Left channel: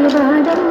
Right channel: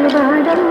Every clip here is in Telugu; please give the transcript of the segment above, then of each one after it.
Thank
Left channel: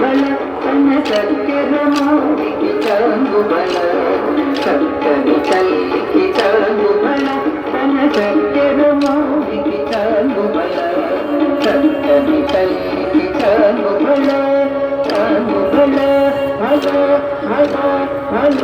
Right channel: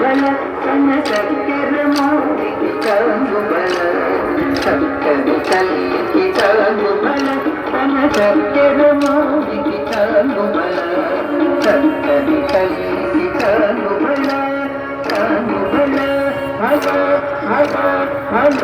you. చక్కని తల్లికి కానుబల తన చక్కెర మోడికి కానుబల చక్కని తల్లికి కానుబల కానుబల హల హల హల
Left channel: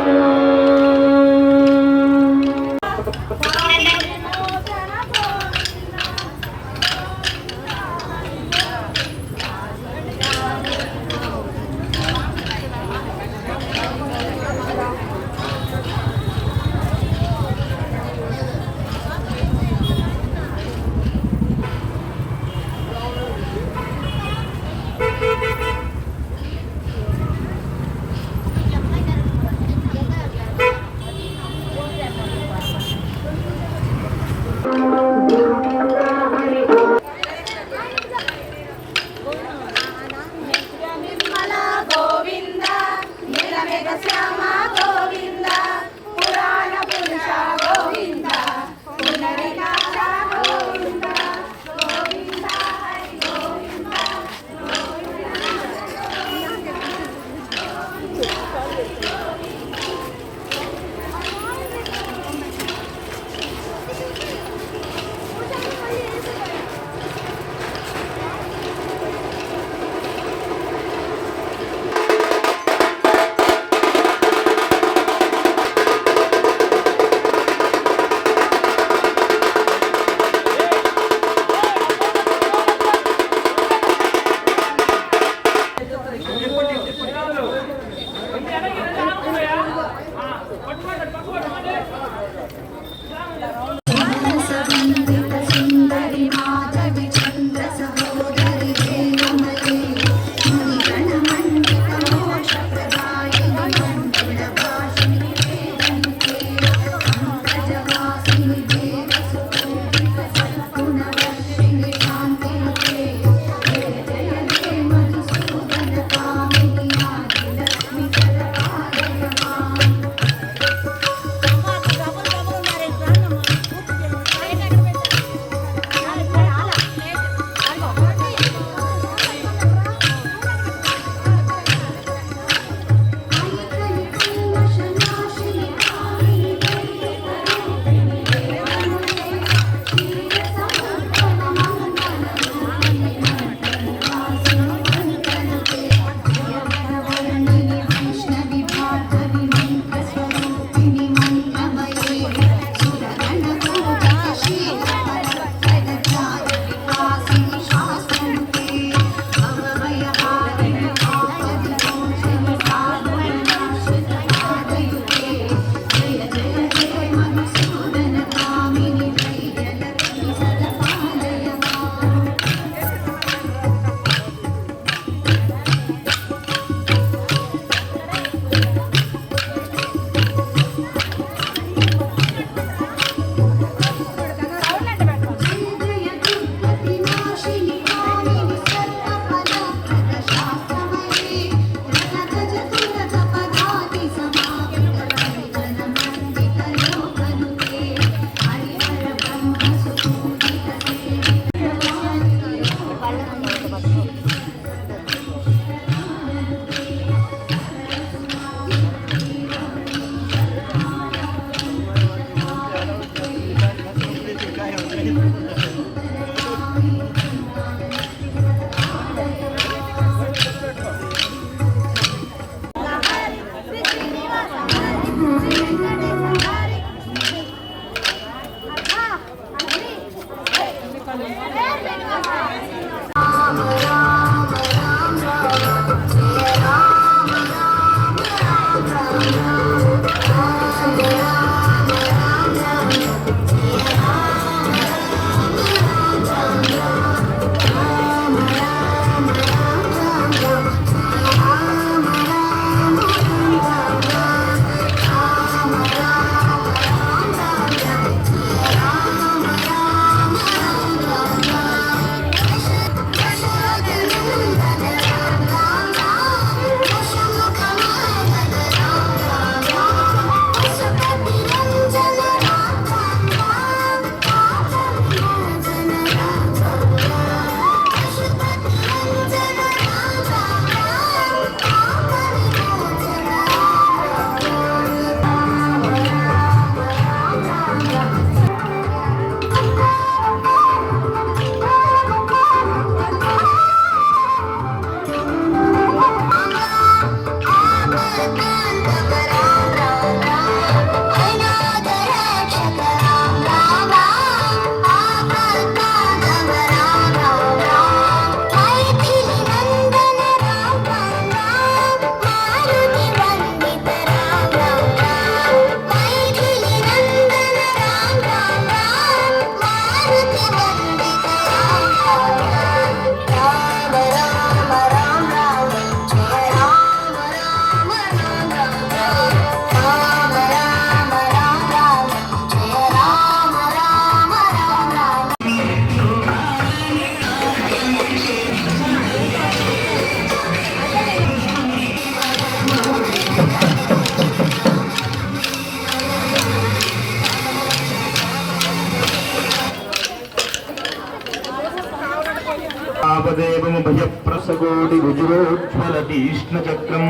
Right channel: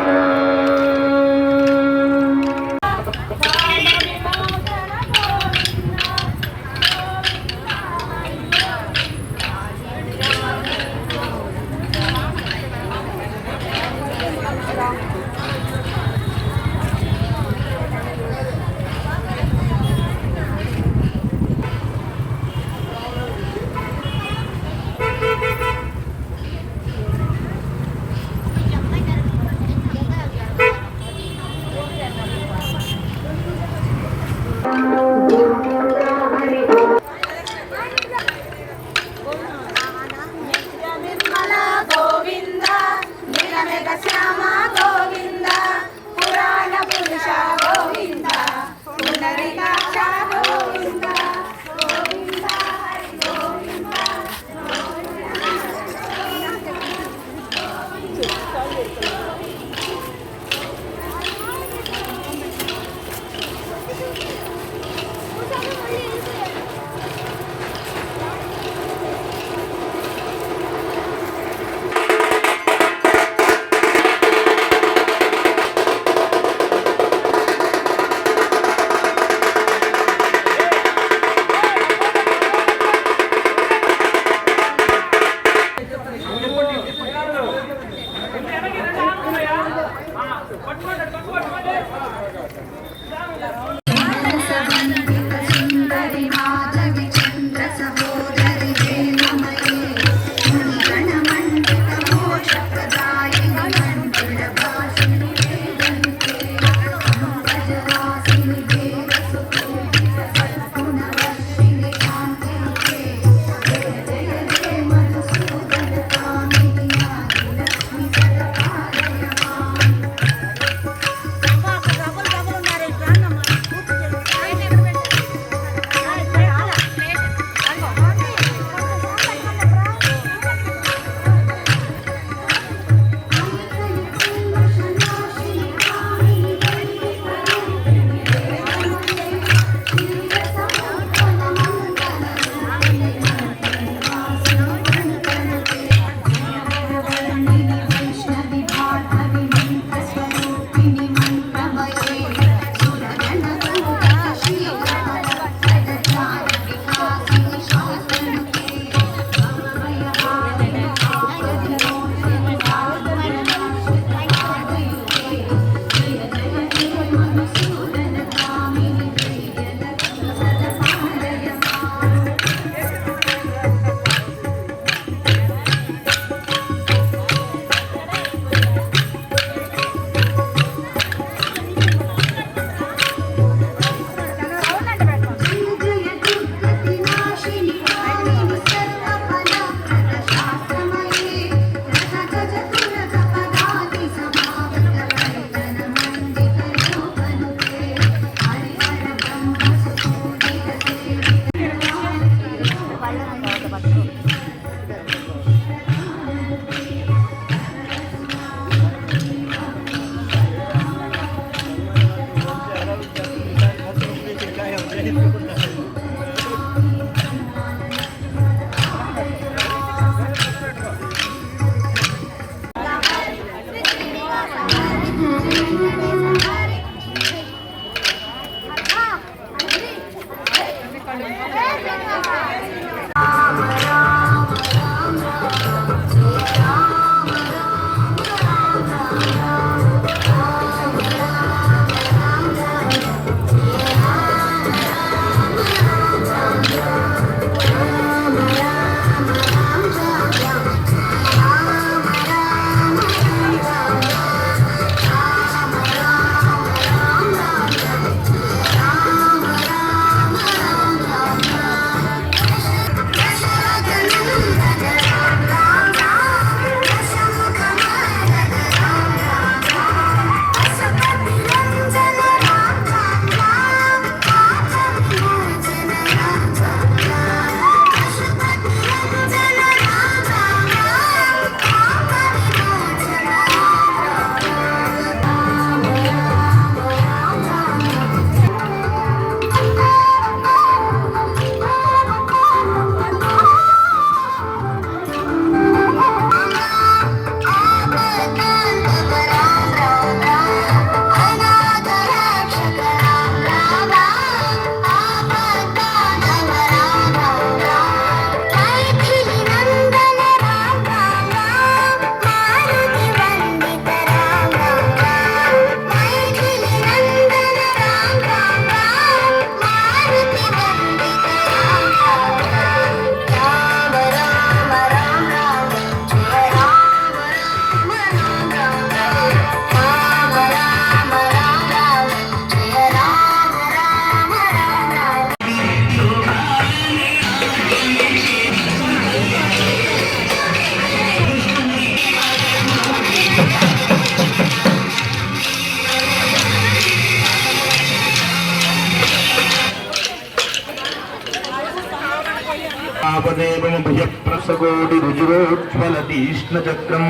సహస్రకోటి రుజురోజ్వలతీష్ణచక్రం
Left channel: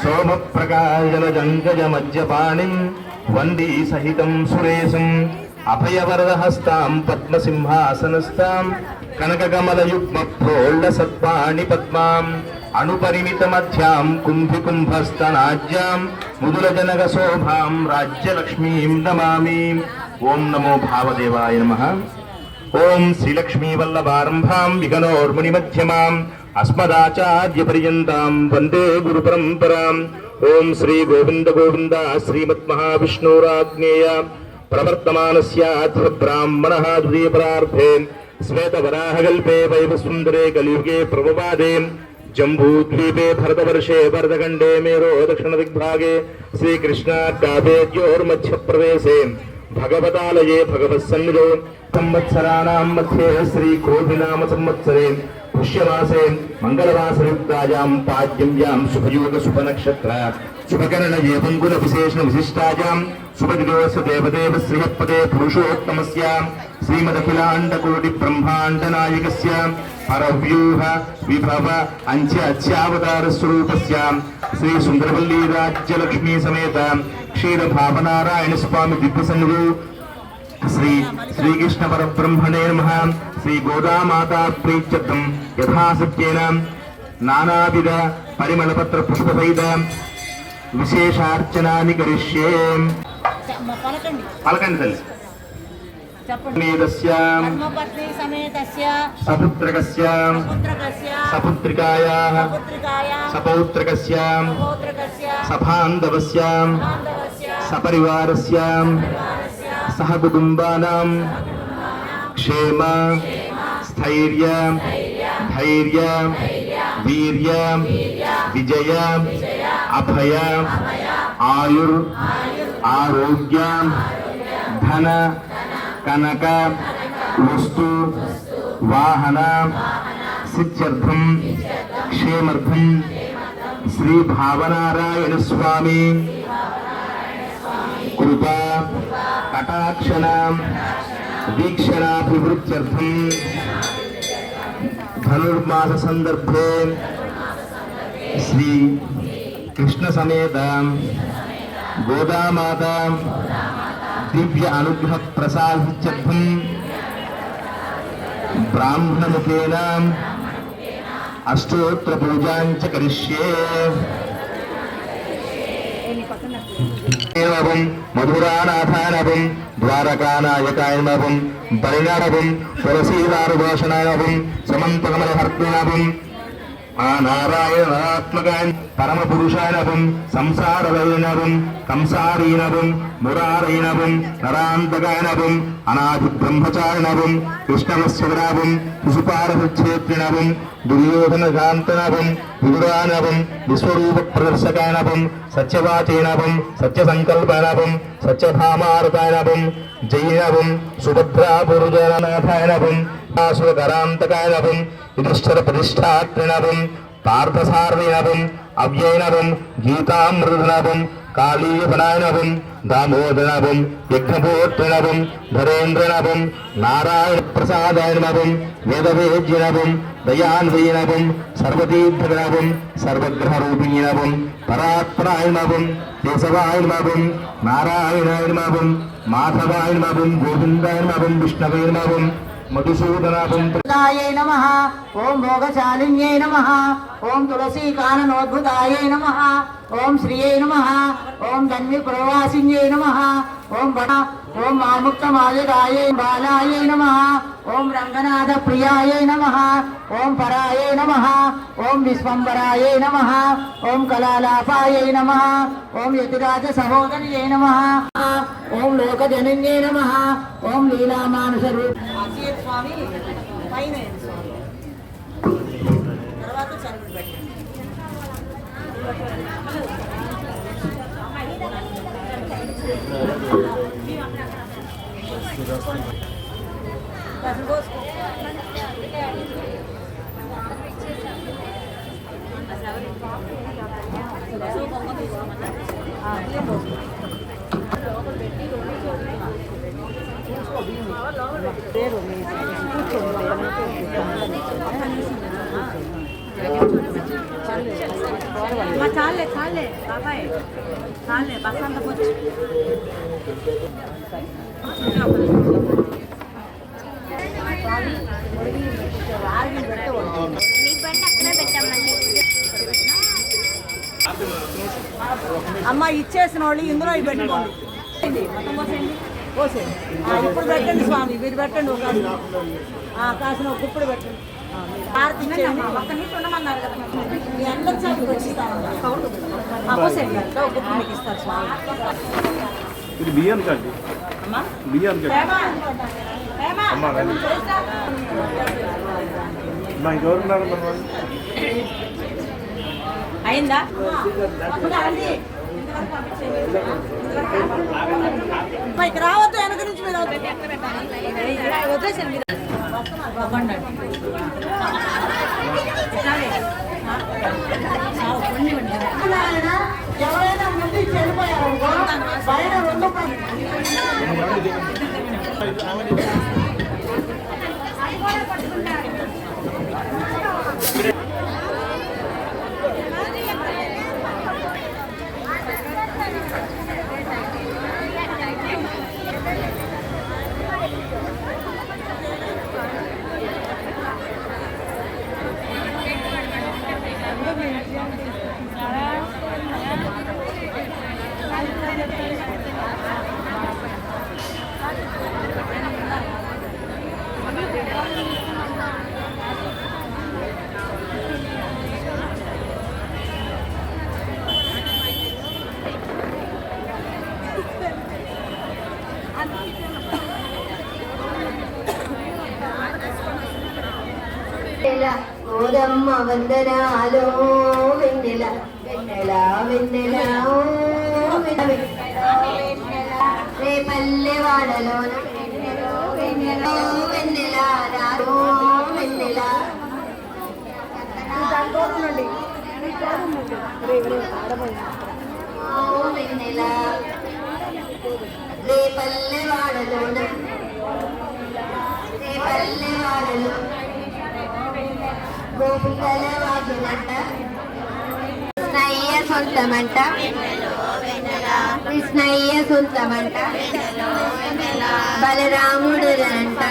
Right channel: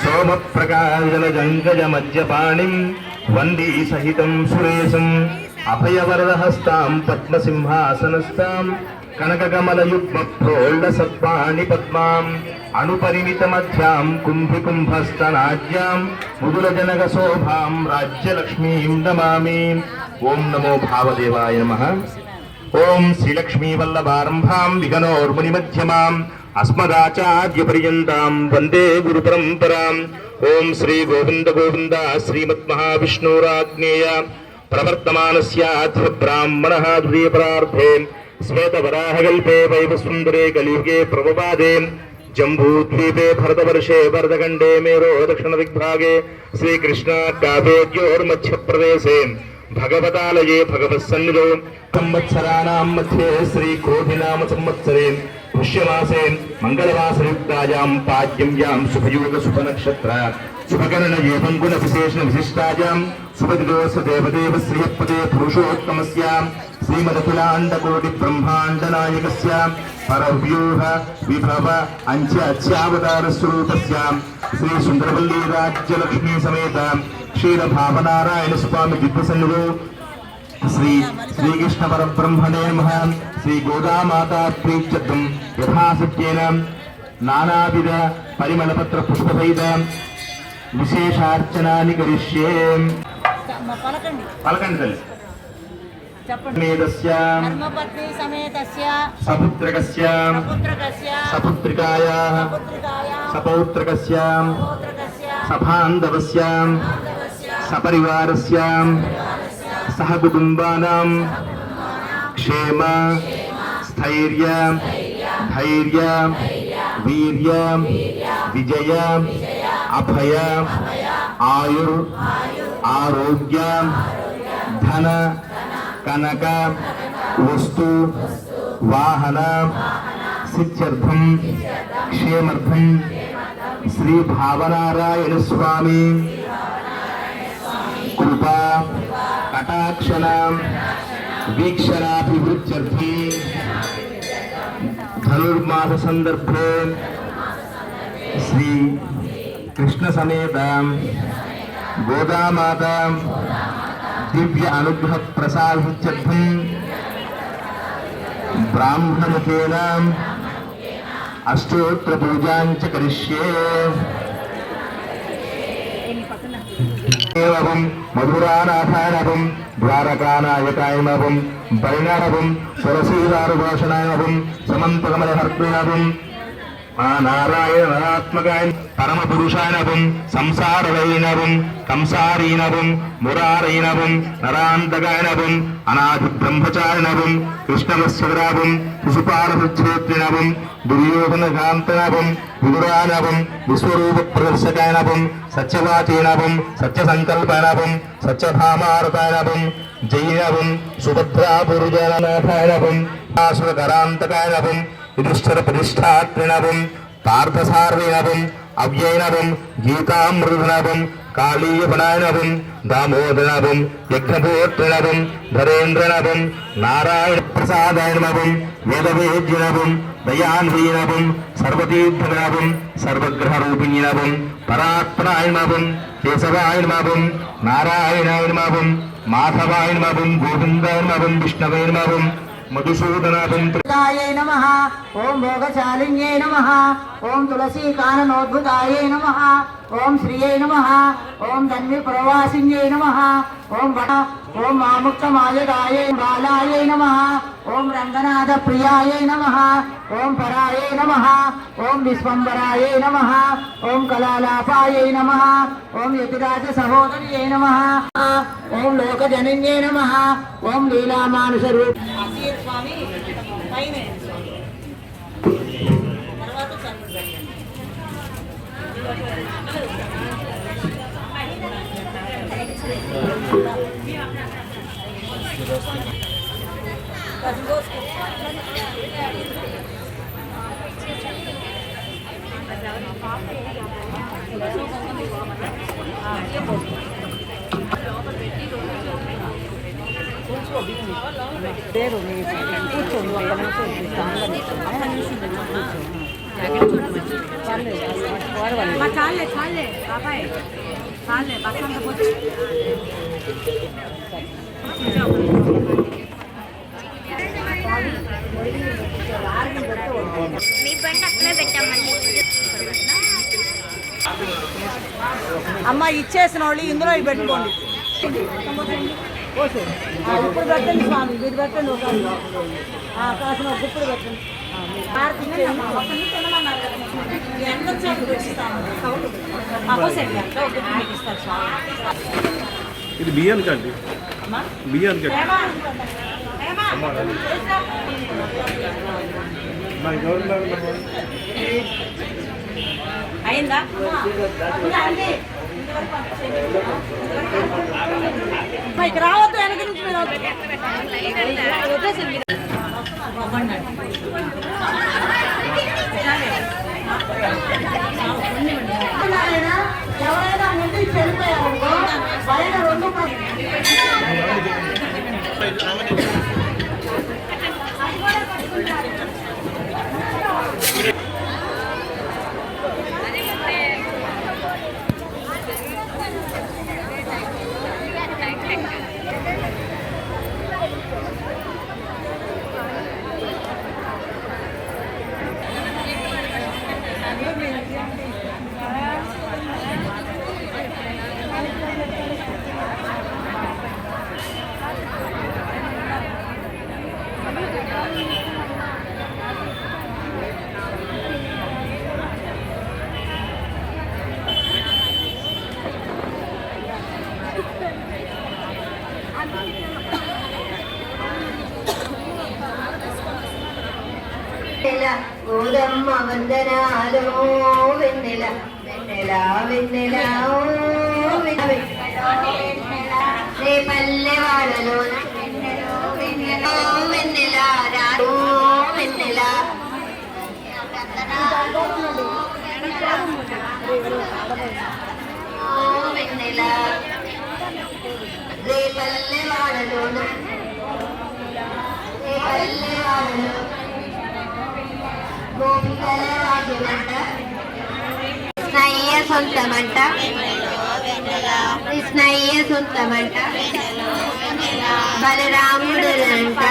సోమప్రకాశజంగజమజ్జపాణిం వందే సహితం సురేశం అభయవరదహస్తాం పద్మసింహాసనస్థాం కనకకమలయుగ్మప్రోల్డసత్పాణి పద్మాం అణుపరిమితమధ్యాం కుంభికుంభస్తనాజ్యాం ముదులజనకశోభాం రాజ్యలక్ష్మీం నమామి. ఓం నమో భావదేవాయ నమః. ఓం శ్రీలక్ష్మీవల్లభారంభాం విఘ్నోర్మునిమధ్యమాం అస్మదాచార్యపర్యంతాం వందే గురుపరంపరాం. ఓం శ్రీ గోవింద గోవింద శ్రీమద్మహావిష్ణురాజ్ఞేయ ప్రవర్తమానస్యాద్య బ్రాహ్మణः ద్వితీయపరార్ధే శ్వేతవరాహకల్పే వైవసుందరే కలియుగే ప్రభవాదే జంబూద్వీపే భరతవర్షే భరతఖండే మేరో దక్షిణదిగ్భాగే శ్రీకృష్ణాకావేద్యోర్మధ్యప్రదేశే భగవతాలయే భగవత్సన్నిధౌ సంవత్సరాణాం మధ్యే శ్రీక్రోధినామ సంవత్సరే పుష్యమాసే మంగళవాసయుక్తాయాం పాడ్యమ్యాం శుభయోగ శుభనక్షత్ర శుభగణన ఏవంగుణ విశేషణ విశిష్టాయాం శుభదిదోస దేవదేవ శ్రీయపదే పురుషోత్తమస్యాం శ్రీమదఖిలాండకోటి బ్రహ్మాండ నాయకస్య పరవ్యూహ విభవ అంత్యావతార స్వరూపస్యాం శ్రీ సుందరవల్లి రాజ్యలక్ష్మీ సమేత క్షీర భావనారాయణ స్వామి దివ్యసన్నిధౌ శ్రీ శ్రీకృష్ణ పరబ్రహ్మణే నమః. శ్రీ గోదామాతా ప్రీత్యర్థం యథాసత్యేన నానావిధ పరిమళపత్ర పుష్పసహిత విశేషార్చనాని కరిష్యే. పలకండి చెప్పండి. ధర్మపత్ని సమేతస్య సపుత్రకస్య సపుత్రికాయాః సపౌత్రకస్య సబాంధవస్య సపరివారస్య సహ కుటుంబానాం క్షేమ స్థైర్య ధైర్య వీర్య విజయ అభయ ఆయుర్ ఆరోగ్య ధన కనక వస్తు వాహన సిద్ధ్యర్థం క్షేమర్థం శ్రీ భావనారాయణ స్వామి కృపా కటాక్షణ వీక్షణాభివృద్ధ్యర్థం ధనుర్మాస సందర్భే శ్రీ కృష్ణ సమేత గోదామాత దివ్య అనుగ్రహ ప్రసాదిత్యర్థం బ్రాహ్మణముఖేన అష్టోత్తర పూజాంచ కరిష్యే. మధురానాథానవం ద్వారకానాయకాయనవం పరిణామవం సురసీదారుభూషణాయనవం సమంతకమలహర్తనవం నారాయణ నరాత్మకాయ పరమ పురుషాయనవం సంసారవైనవం కంసారీనవం మురారైనవం నరాంతకాయనవం అనాది బ్రహ్మచారిణవం కృష్ణవస్వరావం శిశుపారభృత్యేత్రినవం దుర్యోధనకాంతనవం విదురానవం విశ్వరూప ప్రదర్శకాయనవం సత్యవాచీనవం సత్యసంకల్పనవం సత్యభామారతాయనవం జైనవం సుభద్రాపురుజనాథాయనవం ఆసురకరాంతకాయనవం యుధిష్ఠిర ప్రతిష్టాత్రినవం పార్థసారథినవం అవ్యయనవం గీతామృతనవం కాళీయపనాయనవం దామోదరనవం యజ్ఞపోత్రనవం ధరేంద్రనవం నారాయణ ప్రసాదాయనవం వేదవేద్యనవం దయాన్వయనవం సర్వతీర్థనవం సర్వగ్రహరూపిణీనవం పరాత్మనాయనవం కేశవాయనవం నారాయణాయనవం మాధవాయనవం గోవిందాయనవం విష్ణవేనవం మధుసూదనాభం నమః. ఓం భోగశాలిన్యై నమః. ఓం తులసీకాననోద్భుతాయై నమః. ఓం శ్రీయై నమః. ఓం ధన్య ప్రవాసిన్యై నమః. ఓం వడ ఓం ఆముక్తమాలయాయై బాలాయై నమః. ఓం రంగనాథ ప్రియాయై నమః. ఓం పరాయై నమః. ఓం విశ్వంబరాయై నమః. ఓం కళాలాపాయై నమః. ఓం యతిరాజ సహోదర్యై నమః. ఓం లోకజనన్యై నమః. ఓం లీలామానుష రూప స్వామి పైన తర్వాత చదువు పెట్టండి. మీ బండి అక్కడే పెట్టామండి. అమ్మ ఇచ్చేసిన వాళ్ళు ఇందులో ఇవి పెట్టుకోండి. ఇప్పుడు పెట్టండి స్వామి, మీరు పెట్టండి. ఒక కాసిన ఒక గుప్పుడు పెట్టండి. ఎంత సైడ్ ఇస్తారు స్వామి. ఇది బియ్యం కట్టి బియ్యం కట్టి అయిందా? ఇక రావద్దు, వెనక నుంచి మీరు వదిలేసండి. ఎవరైనా ముందు చెడిపోయారు బయట రెండు ఓదమ్మ వందనాలో వెన్నెల వెన్నెల వెన్నెల రే పల్లె వాడలో వెన్నెల వెన్నెల వెన్నెల వెన్నెల రే పల్లె వాడలో రే పల్లె వాడలో గోపికల రాజులంట కృష్ణయ్య సొంతమంట కృష్ణయ్య సొంతమంట బలరాముడులంట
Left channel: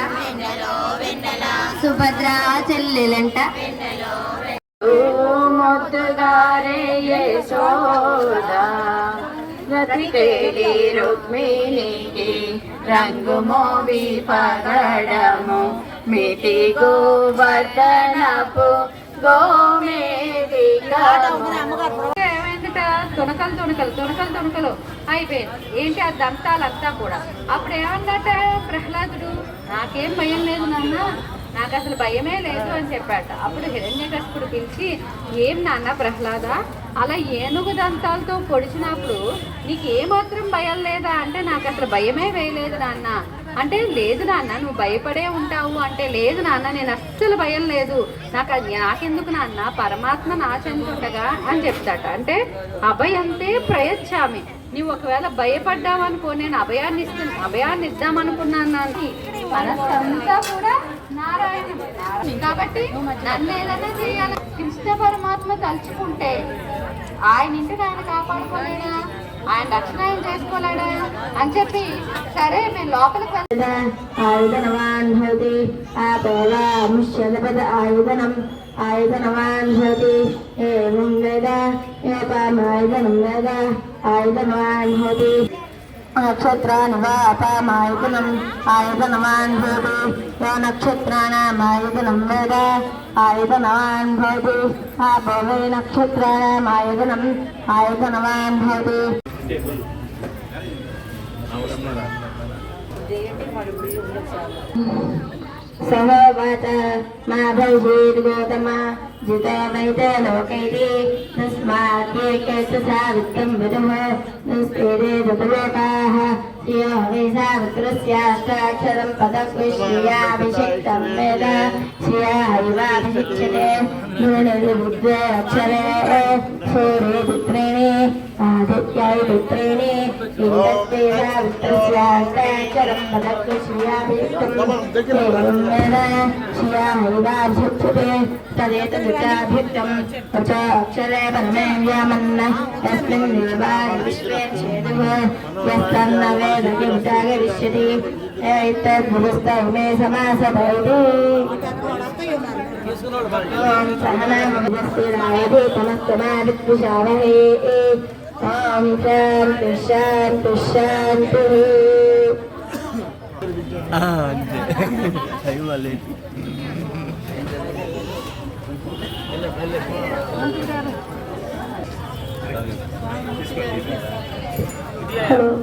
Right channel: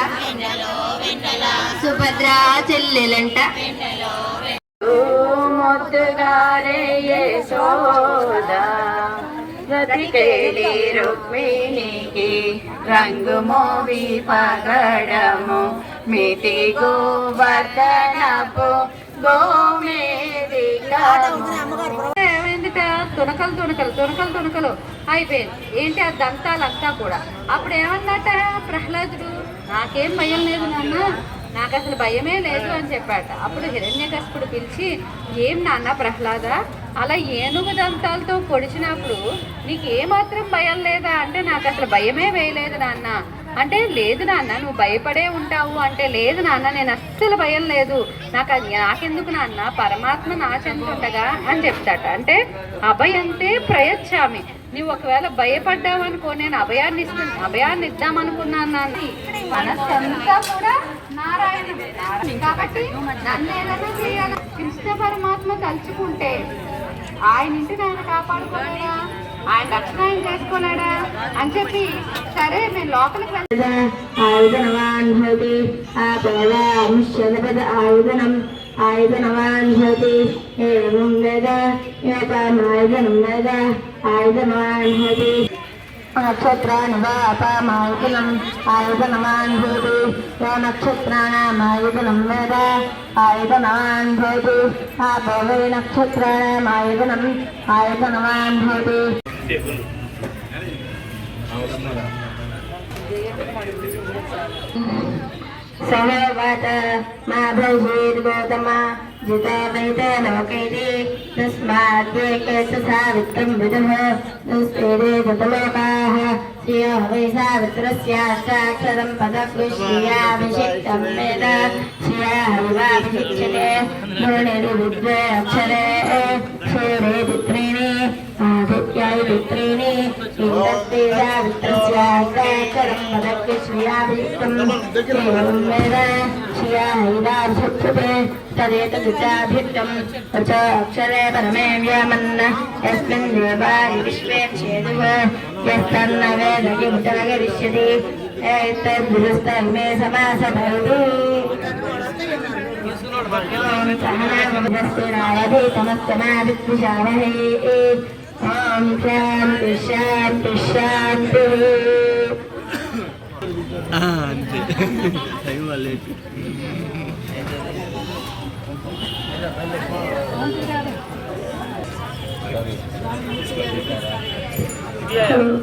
సుభద్ర చెల్లెలంట మొద్దుగారే యశోదా రతికేలి రుక్మిణికి రంగు మోవి పగడము మితి గోవర్ధనపు గోమేదిక తుణకలు అయిపోయింది. ఏంటి ఆ దంతాలంతా కూడా. అప్పుడు ఏమన్నట ప్రహ్లాదుడు, నాకేం భయం లేదు నాన్న, నాకు అసలు భయమే లేదు అని చెప్పాట. అప్పుడు హిరణ్యకశిపుడు పిలిచి, ఏం నాన్న ప్రహ్లాద, అలా ఏనుగు దంతాలతో పొడిచినప్పుడు నీకు ఏమాత్రం భయం లేదా అంటే, నాకు అసలు భయమే వేయలేదు నాన్న అంటే, లేదు నాన్న నువ్వు భయపడే ఉంటావు అంటే, లేదు నాన్న నేను అస్సలు భయం లేదు, నాకెందుకు నాన్న, పరమాత్మ నా చెందుండగా అని చెప్తాట. అంటే అభయంతే ప్రయచ్చామి, నువ్వు ఒకవేళ భయపడ్డావు అనుకో, నేను అభయాన్ని ఇద్దామనుకున్నాను నాన్న. మనస్సంతా కూడా నారాయణుడే కాబట్టి నన్ను ఏదైనా చేయాలి. కృష్ణ పరమాత్మ తలుచుకుంటే ఆయన ఇంటిని ఆయన కాపాడుకోలేడా, ఆయన రక్షణ ఆయన చేసుకోలేడా అని చెప్పి, సరే మేము లోపలికి ఆయుధనవాన్ భవతి ఆయుధనం ఆయుధనవాన్ భవతి ఏం లేదా ఆయుధనం లేదా ఆయుధనవాన్ భవతి నక్షత్రానుదాపామాయుధనం ఆయుధనవాన్ భవతి నక్షత్రాణామాయుధనం వేద ఆయుధనవాన్ భవతి ఆపో వై నక్షత్రాణామాయుధనం ఆయుధనవాన్ భవతి. సహోవాచ మా భవిష్యత్ గౌతమ జితో వైతే లోకైతే తస్మాద్యేకే సావిత్రం విదుః దుస్పేదే తతలోకాః శ్రియో వై సావిత్రస్యాష్టాక్షరం పదకృష్యాభిషిక్తం వేద శ్రియైవాభిషిక్ష్యతే మునిరి విద్వే అక్షరే క్షేరే పుత్రేణి ఆదిత్యాయ పుత్రేణి ఇందస్తే సావిత్రస్యాష్టాక్షరం పదకృష్యాభిషిక్తం వేద శ్రియైవాభిషిక్ష్యతే तदेतु विद्याभित्तं च अक्षरे परमे व्यामन्न यस्मिन् देवानि विश्वे क्षेदुः यस्तन्न वेद किमुता करिष्यति एतद्विरुस्तमे समासतैति सहनामस्तिरायधीतमस्तमा विद्विषावहे ॐ शान्ति शान्ति शान्तिः Hello.